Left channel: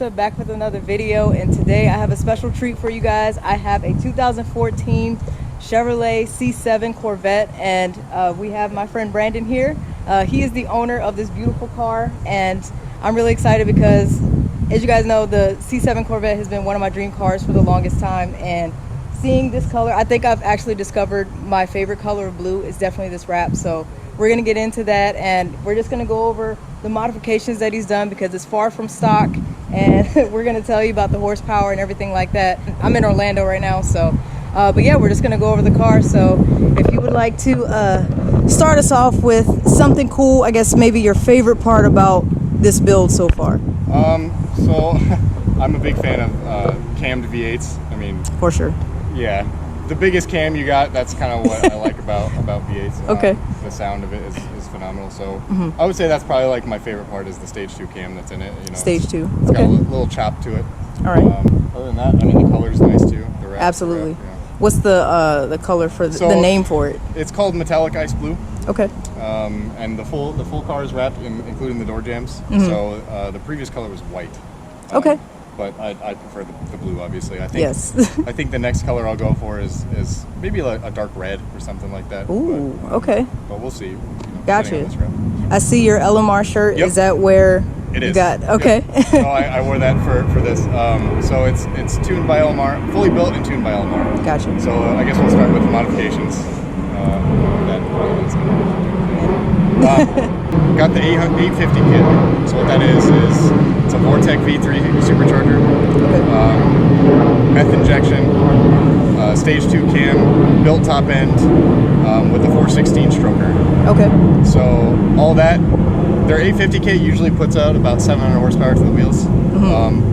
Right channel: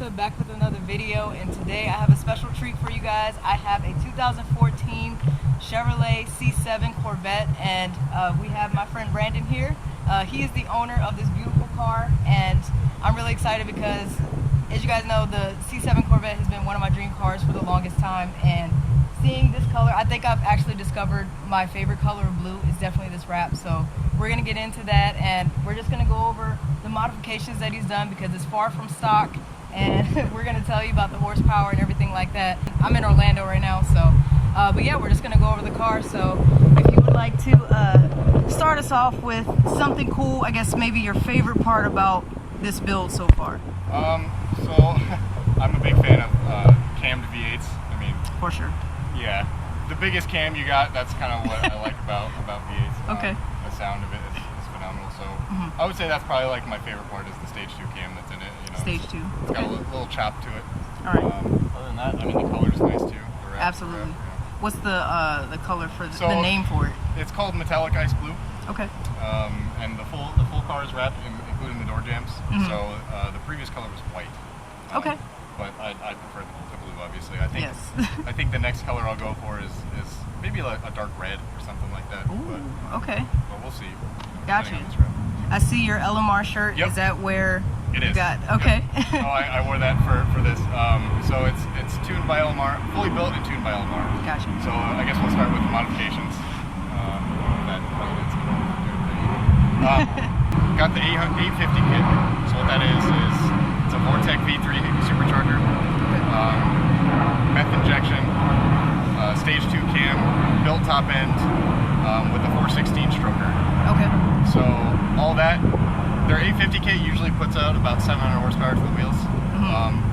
Melissa, back with another video, and today I have a special treat for you guys. I have a 2014 Chevrolet C7 Corvette, and we have my friend Brandon here. He is the owner of this beautiful car, and I'm really excited because, as you guys know, the C7 Corvette has been one of my dream cars for the longest time, and seeing this color, I think I've actually discovered my favorite color of blue is definitely this wrap. So we're gonna get into that, and we're just gonna go over the modifications that he's done because it's far from stock, and we're gonna tell you about the horsepower and everything like that. I'm in Orlando right now, so but yeah, we're just gonna go over the car. So if you would like to start us off with something cool, I guess maybe your favorite part about this build so far. So I'm a big fan of cammed V8s. I mean, For sure. yeah, the biggest cam you got, that's kind of what I like about V8s. Okay. The sound of it is phenomenal. So I would say that's probably like my favorite part is the stage 2 cam that's in it. You know, Stage 2. It's got a little chop to it. All right. Other than that, I mean, the color's nice too. The wrap, Absolutely. The wrap, yeah. What's the color for the name for it? It's called metallic ice blue. Okay. And the full car is wrapped, including the door jambs. So the previous color was white. Okay. But I prefer the blue, obviously. I think. Yes. I think the next color I'll go for is maybe like a dark red or something like that. Ooh. Okay. But we'll see. You know, Gotcha. depending on this route. I see your LMR shirt. Yep. Is that where It you is. got? Okay. Yep. So I wore that for this. So it's tuned by LMR, fully built and tuned by LMR. Gotcha. So I guess we'll start with the modifications. That probably is got the 850 kit. So what that is it's a Vortec V3 supercharger, meth injection, stage 2 cam, built top end with a 416 stroker. Okay. So all that, their 850 kit usually puts out about 700 horsepower to the wheels,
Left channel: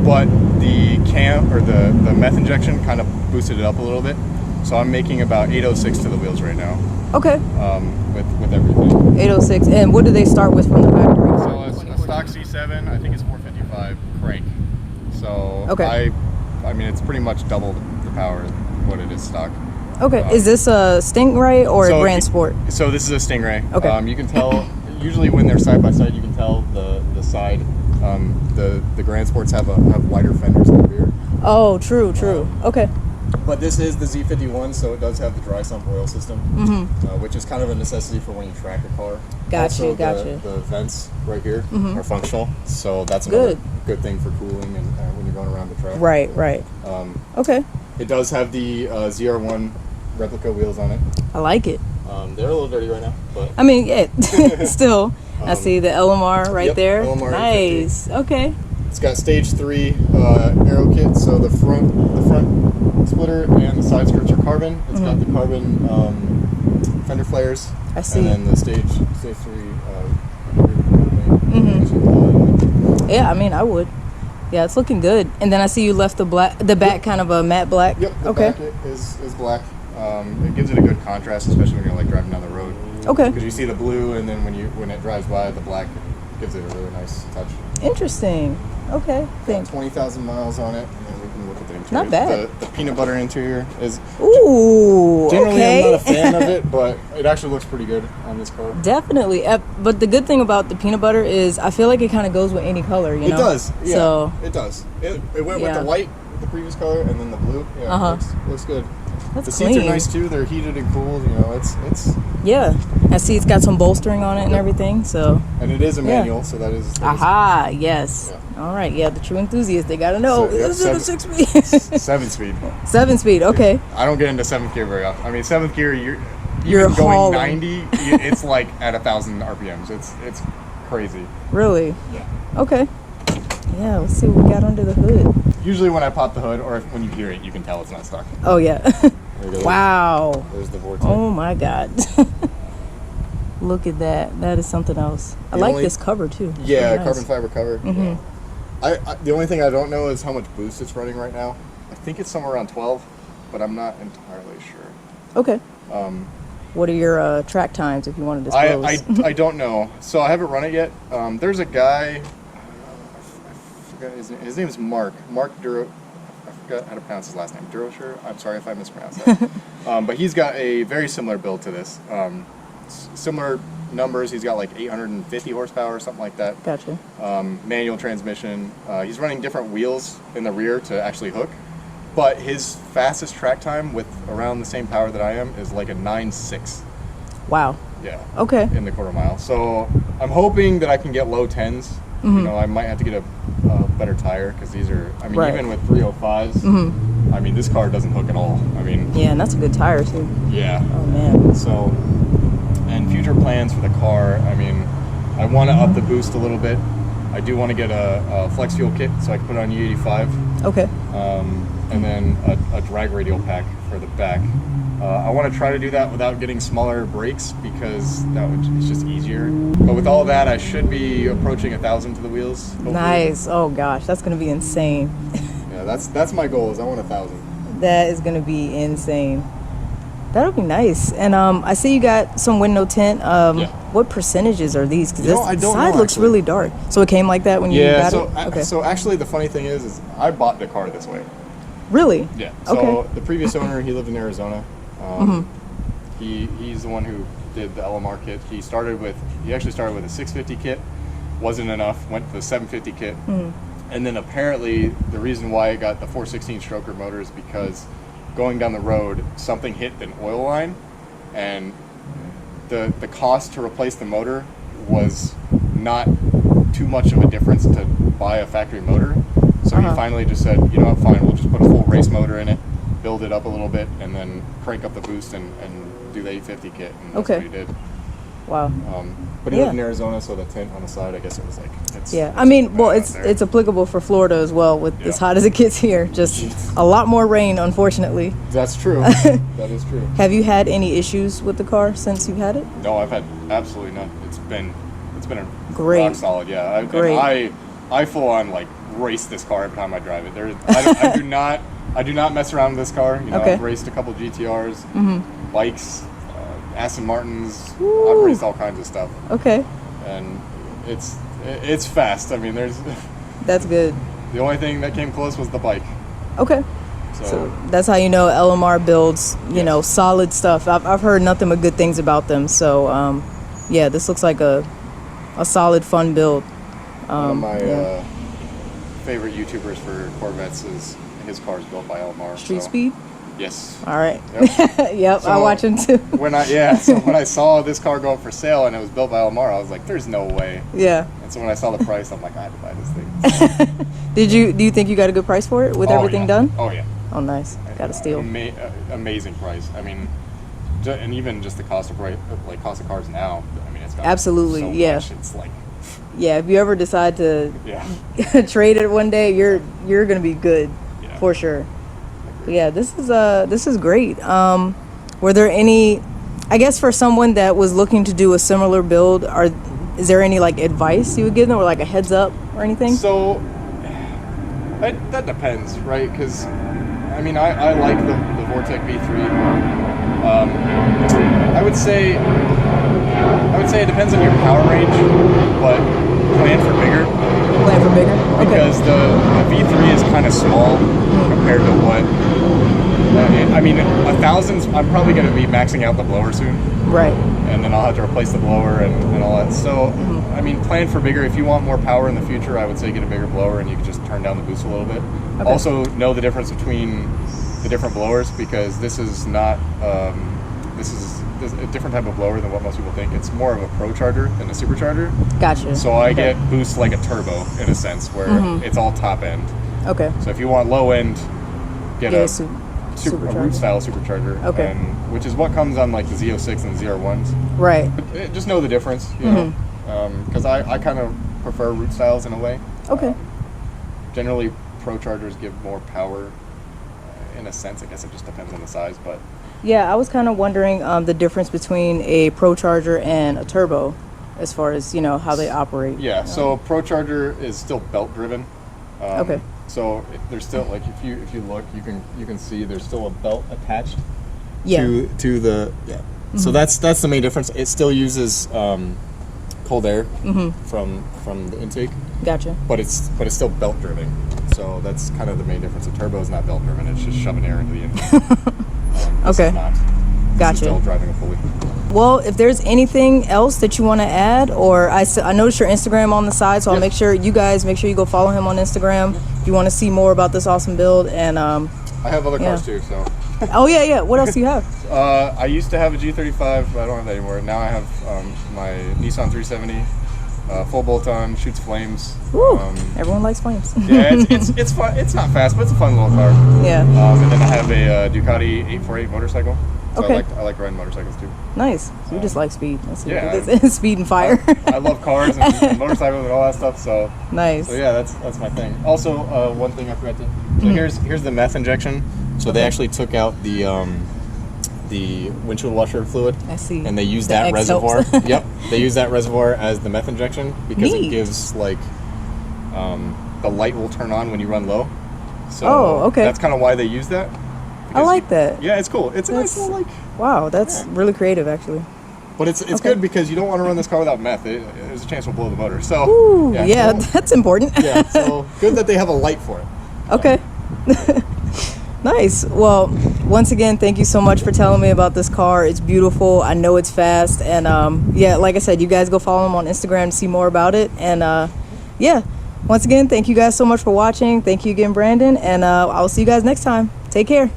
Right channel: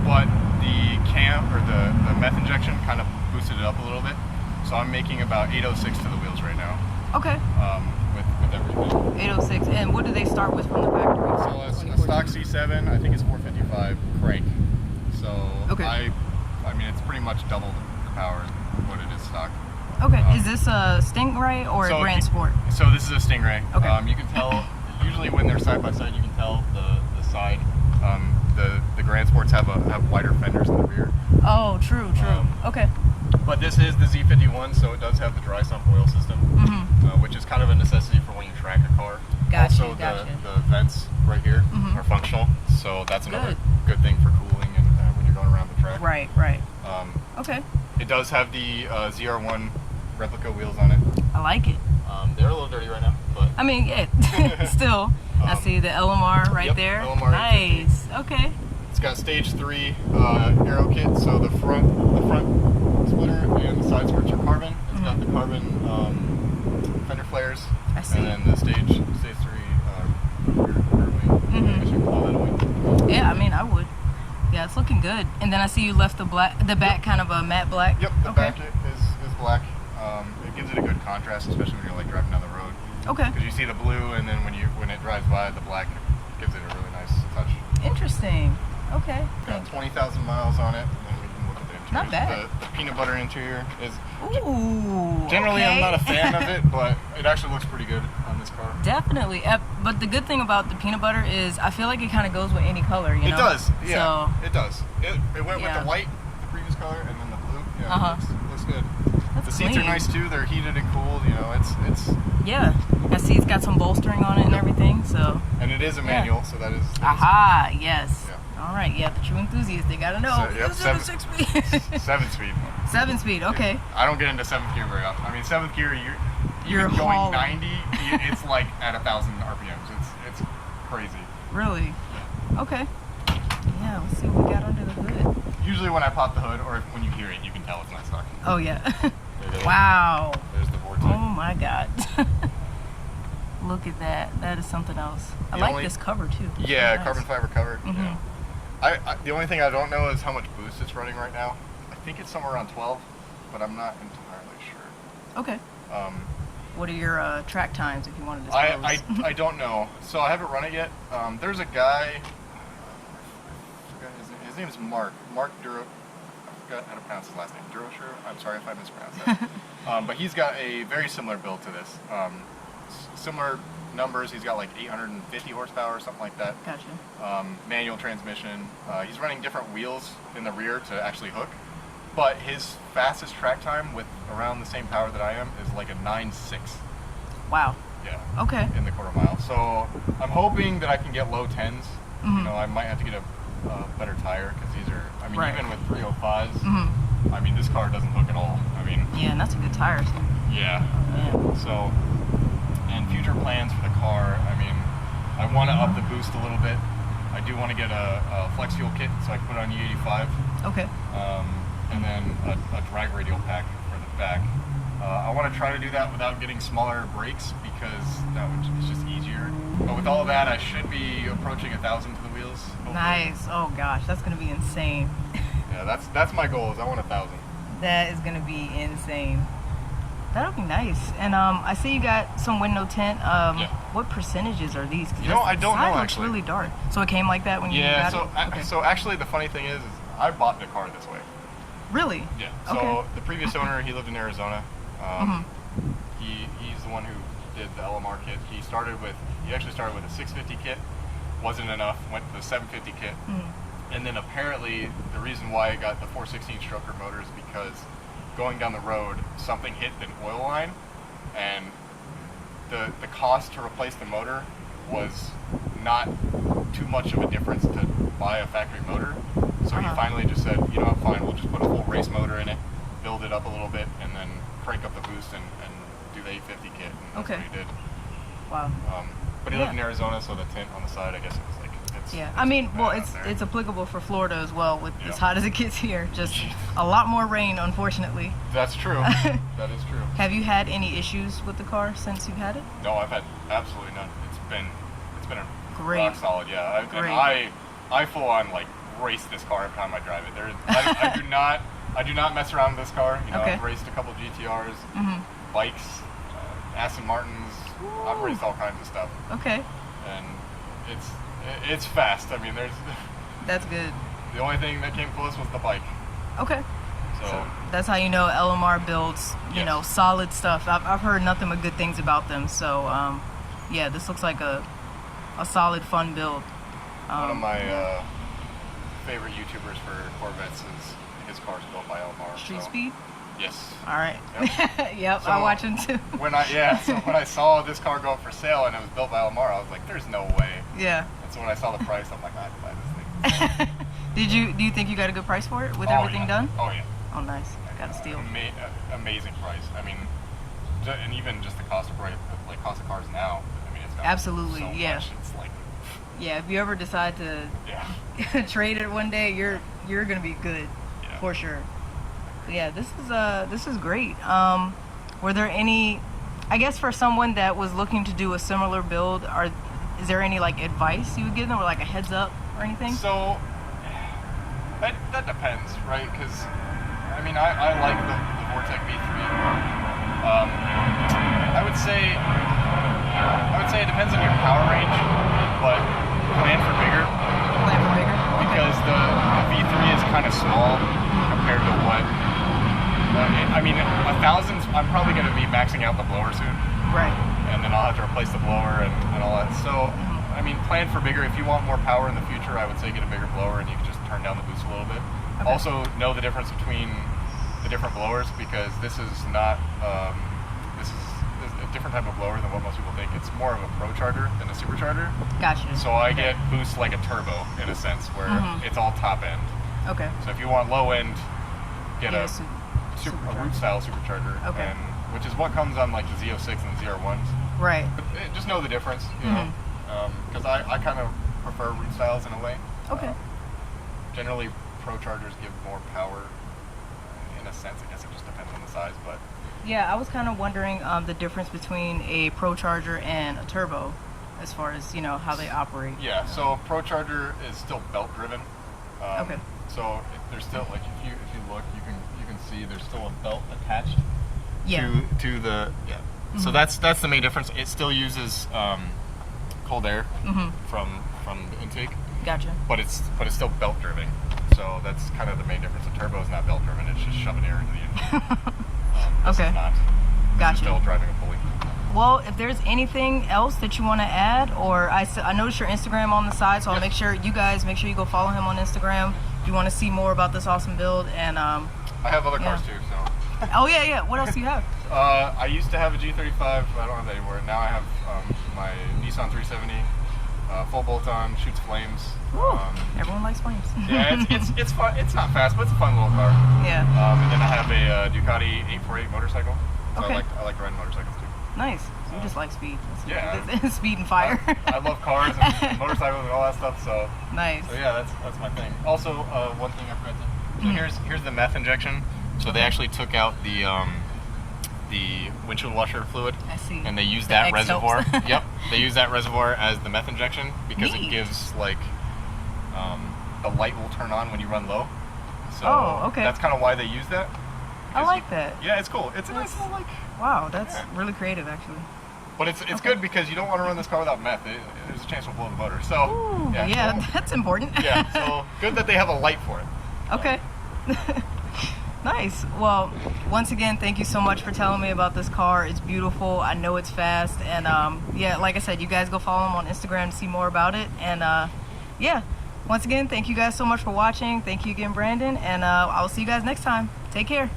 but the cam or the meth injection kind of boosted it up a little bit. So I'm making about 806 to the wheels right now. Okay. With everything. 806. And what do they start with from the factory? So a stock C7, I think it's 455 crank. So okay. I mean, it's pretty much double the power of what it is stock. Okay. Is this a Stingray or a Grand Sport? So this is a Stingray. Okay. You can tell, usually when they're side by side, you can tell the side. The Grand Sports have wider fenders in the rear. Oh, true. Okay. But this is the Z51, so it does have the dry sump oil system, which is kind of a necessity for when you track a car. Gotcha. The vents right here are functional, so that's another good thing for cooling and when you're going around the track. Right. Okay. It does have the ZR1 replica wheels on it. I like it. They're a little dirty right now, but I mean, yeah, still. I see the LMR right there. LMR nice. 850. Okay. It's got stage 3 aero kit, so the front splitter and the side skirts are carbon. It's got the carbon fender flares. I see. And then the stage 3 rear wing. Yeah, I mean, I would. Yeah, it's looking good. And then I see you left the back kind of a matte black. Yep, the back is black. It gives it a good contrast, especially when you're like driving down the road. Okay. Because you see the blue, and then when it drives by, the black gives it a really nice touch. Interesting. Okay. Got 20,000 miles on it, and we can look at the interior. Not bad. The peanut butter interior is. Ooh. Generally, okay. I'm not a fan of it, but it actually looks pretty good on this car. Definitely. But the good thing about the peanut butter is I feel like it kind of goes with any color, you know? It does. Yeah. So, it does. It went with the white, the previous color, and then the blue. Yeah. Looks good. That's the clean. seats are nice too. They're heated and cooled. You know, it's. Yeah. I see it's got some bolstering on it and everything. So. And it is a manual, so that is. Aha! Yes. Yeah. All right. Yeah, the true enthusiasts, they gotta know. This is a 6-speed. 7-speed. 7-speed. Okay. I don't get into 7th gear very often. I mean, 7th gear, you're going hauling. 90. It's like at 1,000 RPMs. It's crazy. Really? Yeah. Okay. Yeah. Let's see what we got under the hood. Usually when I pop the hood, or when you hear it, you can tell it's not stock. Oh yeah. Wow. There's the Vortec. Oh my God. Look at that. That is something else. I like this cover too. It's yeah, really nice. carbon fiber cover. Yeah. The only thing I don't know is how much boost it's running right now. I think it's somewhere around 12, but I'm not entirely sure. Okay. What are your track times if you want to disclose? I don't know. So I haven't run it yet. There's a guy, I forgot his name is Mark Duro. I forgot how to pronounce his last name. Durosher? I'm sorry if I mispronounced that. But he's got a very similar build to this. Similar numbers, he's got like 850 horsepower or something like that. Gotcha. Manual transmission. He's running different wheels in the rear to actually hook, but his fastest track time with around the same power that I am is like a 9.6. Wow. Yeah. Okay. In the quarter mile. So I'm hoping that I can get low 10s. You know, I might have to get a better tire because these are, I mean, even with 305s, I mean, this car doesn't hook at all. I mean, yeah, and that's a good tire too. Yeah. Oh man. So, and future plans for the car, I mean, I want to up the boost a little bit. I do want to get a flex fuel kit so I can put it on E85. Okay. And then a drag radial pack for the back. I want to try to do that without getting smaller brakes because it's just easier. But with all that, I should be approaching 1,000 to the wheels. Hopefully. Nice. Oh gosh, that's gonna be insane. Yeah, that's my goal. Is I want 1,000. That is gonna be insane. That'll be nice. And I see you got some window tint. Yeah. What percentages are these? Because I don't side know, looks actually. really dark. So it came like that when you got so it? Okay. so actually the funny thing is I bought the car this way. Really? Yeah. So Okay. the previous owner, he lived in Arizona. He's the one who did the LMR kit. He actually started with a 650 kit, wasn't enough, went to the 750 kit, and then apparently the reason why it got the 416 stroker motor is because going down the road, something hit an oil line, and the cost to replace the motor was not too much of a difference to buy a factory motor. So he finally just said, you know what, fine, we'll just put a full race motor in it, build it up a little bit, and then crank up the boost and do the 850 kit. And that's what he did. Wow. But he lived in Arizona, so the tint on the side, I guess it was like, I mean, well, it's applicable for Florida as well with as hot as it gets here. Just a lot more rain, unfortunately. That's true. That is true. Have you had any issues with the car since you've had it? No, I've had absolutely none. It's been a Great. rock solid. Yeah. Great. And I full on like race this car every time I drive it. I do not mess around with this car. You know, I've raced a couple GTRs, bikes, Aston Martins. I've raced all kinds of stuff. Okay. And it's fast. I mean, That's good. The only thing that came close was the bike. Okay. So that's how you know LMR builds, you know, solid stuff. I've heard nothing but good things about them. So, yeah, this looks like a solid, fun build. One of my favorite YouTubers for Corvettes is his car is built by LMR. Street Speed? Yes. All right. Yep. Yep, So I watch him too. when I saw this car go up for sale and it was built by LMR, I was like, "There's no way." Yeah. And so when I saw the price, I'm like, I had to buy this thing. Do you think you got a good price for it with everything done? Oh yeah. Oh, nice. Got a steal. Amazing price. I mean, and even just the cost of cars now. I mean, it's got Absolutely, so yeah. much. It's like, Yeah, if you ever decide to trade it one day, you're gonna be good for sure. But yeah, this is great. Were there any, I guess for someone that was looking to do a similar build, is there any like advice you would give them or like a heads up or anything? So that depends, right? Because I mean, I like the Vortec V3. I would say it depends on your power range, but plan for bigger. Plan for bigger? Because the V3 is kind of small compared to what. I mean, 1,000. I'm probably going to be maxing out the blower soon. Right. And then I'll have to replace the blower and all that. So, I mean, plan for bigger. If you want more power in the future, I would say get a bigger blower and you can just turn down the boost a little bit. Okay. Also, know the difference between the different blowers because this is not. This is a different type of blower than what most people think. It's more of a pro charger than a supercharger. Gotcha. So I get boost like a turbo in a sense where it's all top end. Okay. So if you want low end, get a root style supercharger. Okay. Which is what comes on like the Z06 and the ZR1s. Right. Just know the difference, you know, because I kind of prefer root styles in a way. Okay. Generally, pro chargers give more power. In a sense, I guess it just depends on the size, but. Yeah, I was kind of wondering the difference between a pro charger and a turbo, as far as how they operate. Yeah. So a pro charger is still belt driven. Okay. So there's still like if you look, you can see there's still a belt attached. Yeah. To the So that's the main difference. It still uses cold air from the intake. Gotcha. But it's still belt driven. So that's kind of the main difference. The turbo is not belt driven. It's just shoving air into the engine. This is not. Gotcha. This is still driving a pulley. Well, if there's anything else that you want to add, or I noticed your Instagram on the side, so I'll make sure you go follow him on Instagram if you want to see more about this awesome build. And I have other cars too, so. Oh yeah. What else do you have? I used to have a G35, but I don't have that anymore. Now I have my Nissan 370, full bolt-on, shoots flames. Woo, everyone likes flames. Yeah, it's fun. It's not fast, but it's a fun little car. Yeah. And then I have a Ducati 848 motorcycle. So Okay. I like riding motorcycles too. Nice. So you just like speed. Yeah. Speed and fire. I love cars and motorcycles and all that stuff. So Nice. So yeah, that's my thing. Also, one thing I forgot to. So here's the meth injection. So they actually took out the windshield washer fluid. I see. And they use The that X reservoir. helps. Yep. They use that reservoir as the meth injection because Neat. it gives like the light will turn on when you run low. So okay. that's kind of why they use that. I like that. Yeah, it's cool. It's a nice little like. Wow, that's really creative, actually. But it's good because you don't want to run this car without meth. There's a chance it'll blow the motor. So Ooh, yeah, that's important. yeah. So good that they have a light for it. Okay. Nice. Well, once again, thank you so much for telling me about this car. It's beautiful. I know it's fast. And like I said, you guys go follow him on Instagram to see more about it. And once again, thank you guys so much for watching. Thank you again, Brandon. And I'll see you guys next time. Take care.